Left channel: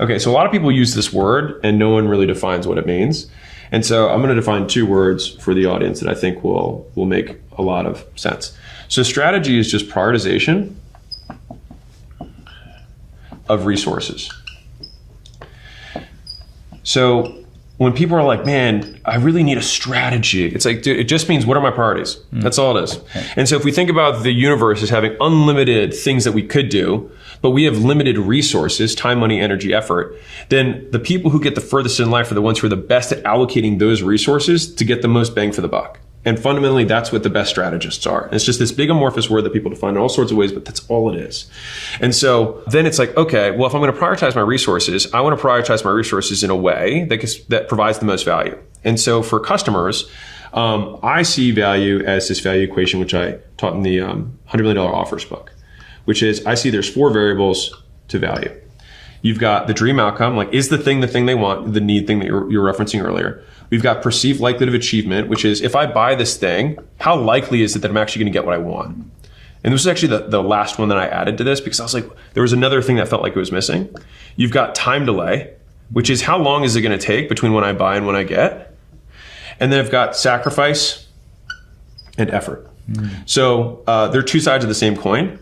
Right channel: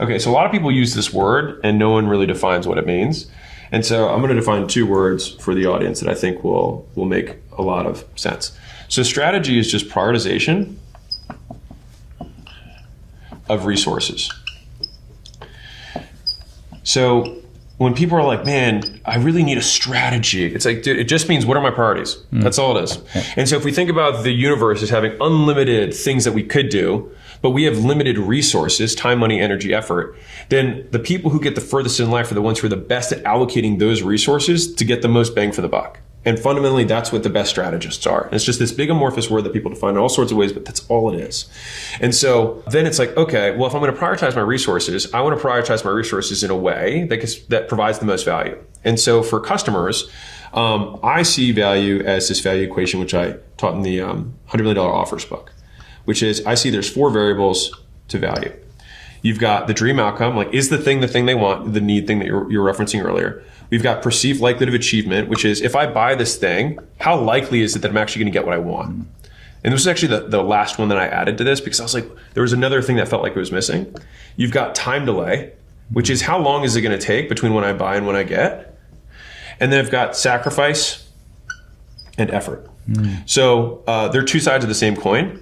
Okay, so a lot of people use this word and no one really defines what it means. And so I'm going to define 2 words for the audience that I think will make a lot of sense. So strategy is just prioritization of resources. So when people are like, man, I really need a strategy, it's like, dude, it just means what are my priorities? That's all it is. And so if we think about the universe as having unlimited things that we could do, but we have limited resources, time, money, energy, effort, then the people who get the furthest in life are the ones who are the best at allocating those resources to get the most bang for the buck. And fundamentally, that's what the best strategists are. It's just this big amorphous word that people define in all sorts of ways, but that's all it is. And so then it's like, okay, well, if I'm going to prioritize my resources, I want to prioritize my resources in a way that provides the most value. And so for customers, I see value as this value equation, which I taught in the $100 million offers book, which is I see there's 4 variables to value. You've got the dream outcome, like is the thing they want, the need thing that you're referencing earlier. We've got perceived likelihood of achievement, which is if I buy this thing, how likely is it that I'm actually going to get what I want? And this was actually the last one that I added to this because I was like, there was another thing that felt like it was missing. You've got time delay, which is how long is it going to take between when I buy and when I get? And then I've got sacrifice and effort. So they're 2 sides of the same coin.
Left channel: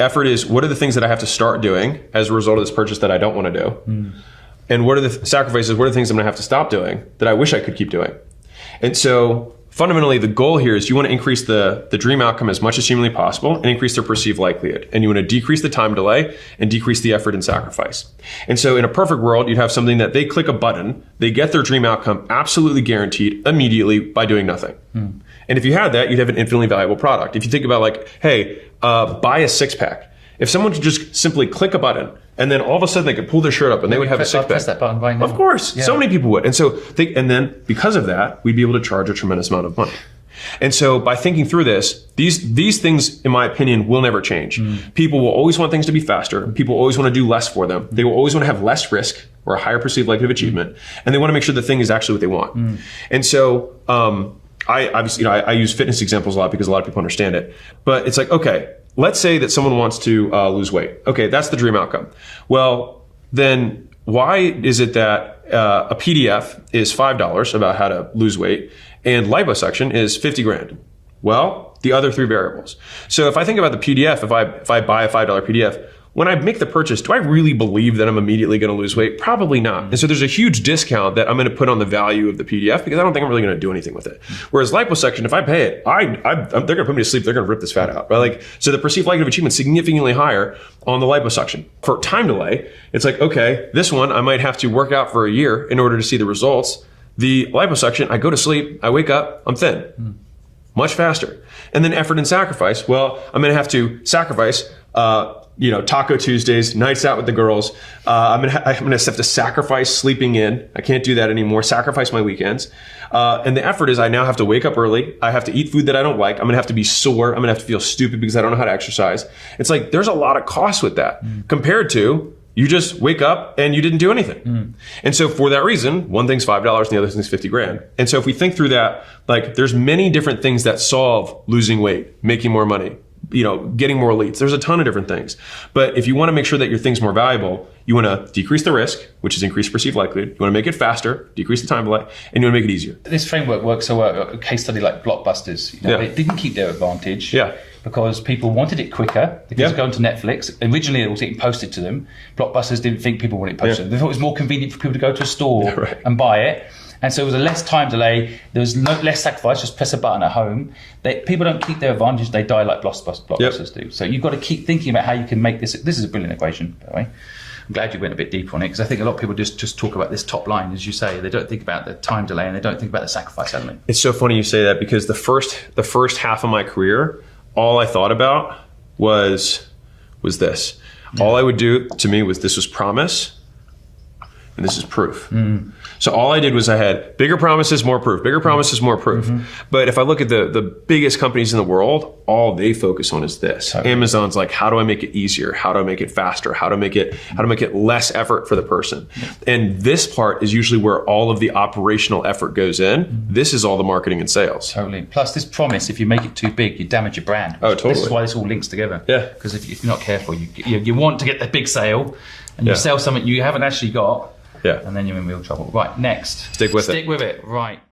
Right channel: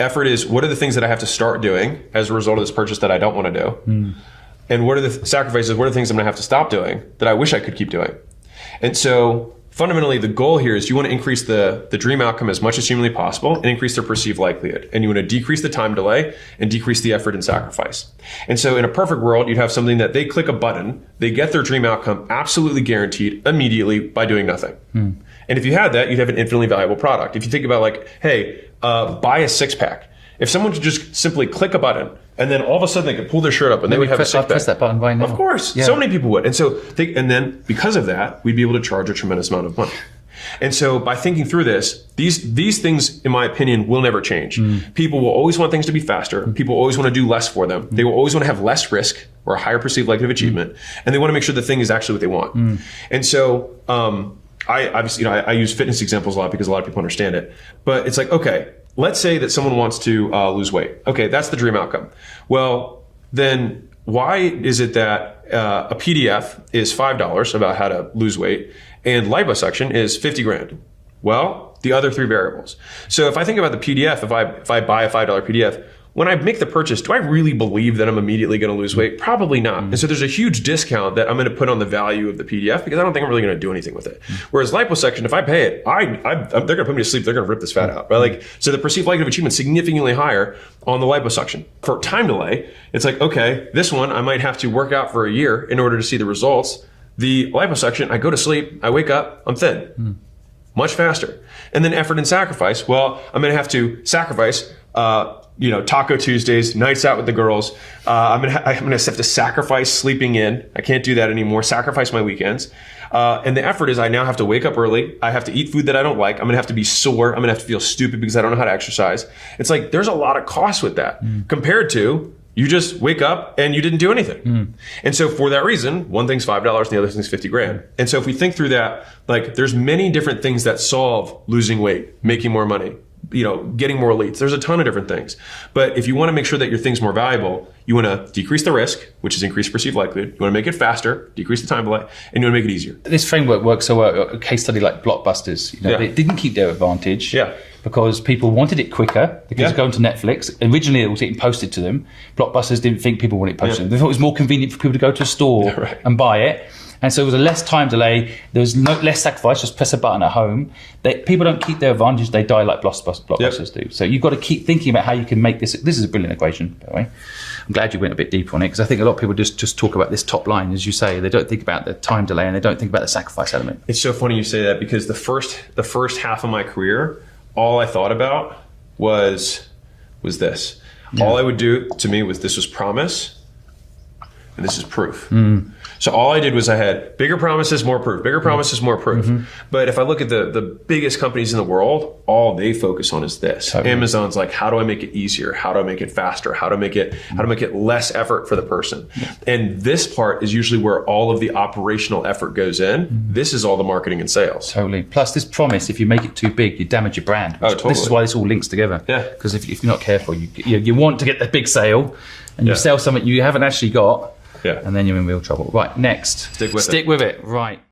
Effort is what are the things that I have to start doing as a result of this purchase that I don't want to do? And what are the sacrifices, what are the things I'm going to have to stop doing that I wish I could keep doing? And so fundamentally, the goal here is you want to increase the dream outcome as much as humanly possible and increase their perceived likelihood. And you want to decrease the time delay and decrease the effort and sacrifice. And so in a perfect world, you'd have something that they click a button, they get their dream outcome absolutely guaranteed immediately by doing nothing. And if you had that, you'd have an infinitely valuable product. If you think about like, hey, buy a 6-pack. If someone could just simply click a button and then all of a sudden they could pull their shirt up and they would have a 6-pack. Press that button right now. Of course. Yeah. So many people would. And so and then because of that, we'd be able to charge a tremendous amount of money. And so by thinking through this, these things, in my opinion, will never change. People will always want things to be faster. People always want to do less for them. They will always want to have less risk or a higher perceived likelihood of achievement. And they want to make sure the thing is actually what they want. And so I obviously, I use fitness examples a lot because a lot of people understand it. But it's like, okay, let's say that someone wants to lose weight. Okay, that's the dream outcome. Well, then why is it that a PDF is $5 about how to lose weight and liposuction is $50,000? Well, the other 3 variables. So if I think about the PDF, if I buy a $5 PDF, when I make the purchase, do I really believe that I'm immediately going to lose weight? Probably not. And so there's a huge discount that I'm going to put on the value of the PDF because I don't think I'm really going to do anything with it. Whereas liposuction, if I pay it, they're going to put me to sleep. They're going to rip this fat out. Right? Like, so the perceived likelihood of achievement is significantly higher on the liposuction. For time delay, it's like, okay, this one I might have to work out for a year in order to see the results. The liposuction, I go to sleep, I wake up, I'm thin. Much faster. And then effort and sacrifice. Well, I'm going to have to sacrifice Taco Tuesdays, nights out with the girls. I'm gonna have to sacrifice sleeping in. I can't do that anymore. Sacrifice my weekends. And the effort is I now have to wake up early. I have to eat food that I don't like. I'm gonna have to be sore. I'm gonna have to feel stupid because I don't know how to exercise. It's like there's a lot of cost with that compared to you just wake up and you didn't do anything. And so for that reason, one thing's $5 and the other thing's $50,000. And so if we think through that, like there's many different things that solve losing weight, making more money, getting more leads. There's a ton of different things. But if you want to make sure that your thing's more valuable, you want to decrease the risk, which is increased perceived likelihood. You want to make it faster, decrease the time delay, and you want to make it easier. This framework works so well. A case study like Blockbusters, they didn't keep their advantage because people wanted it quicker because going to Netflix. Originally, it was getting posted to them. Blockbusters didn't think people wanted it posted to them. They thought it was more convenient for people to go to a store and buy it. And so it was a less time delay. There was less sacrifice. Just press a button at home. People don't keep their advantage. They die like blockbusters do. So you've got to keep thinking about how you can make this. This is a brilliant equation, by the way. I'm glad you went a bit deeper on it because I think a lot of people just talk about this top line, as you say. They don't think about the time delay and they don't think about the sacrifice element. It's so funny you say that because the first half of my career, all I thought about was this. All I would do to me was this was promise and this is proof. So all I did was I had bigger promises, more proof, bigger promises, more proof. But if I look at the biggest companies in the world, all they focus on is this. Totally. Amazon's like, how do I make it easier? How do I make it faster? How to make it less effort for the person? And this part is usually where all of the operational effort goes in. This is all the marketing and sales. Totally. Plus this promise, if you make it too big, you damage your brand. Oh, totally. This is why this all links together. Yeah. Because if you're not careful, you want to get the big sale and you sell something you haven't actually got. Yeah. And then you're in real trouble. Right, next. Stick with it. Stick with it. Right.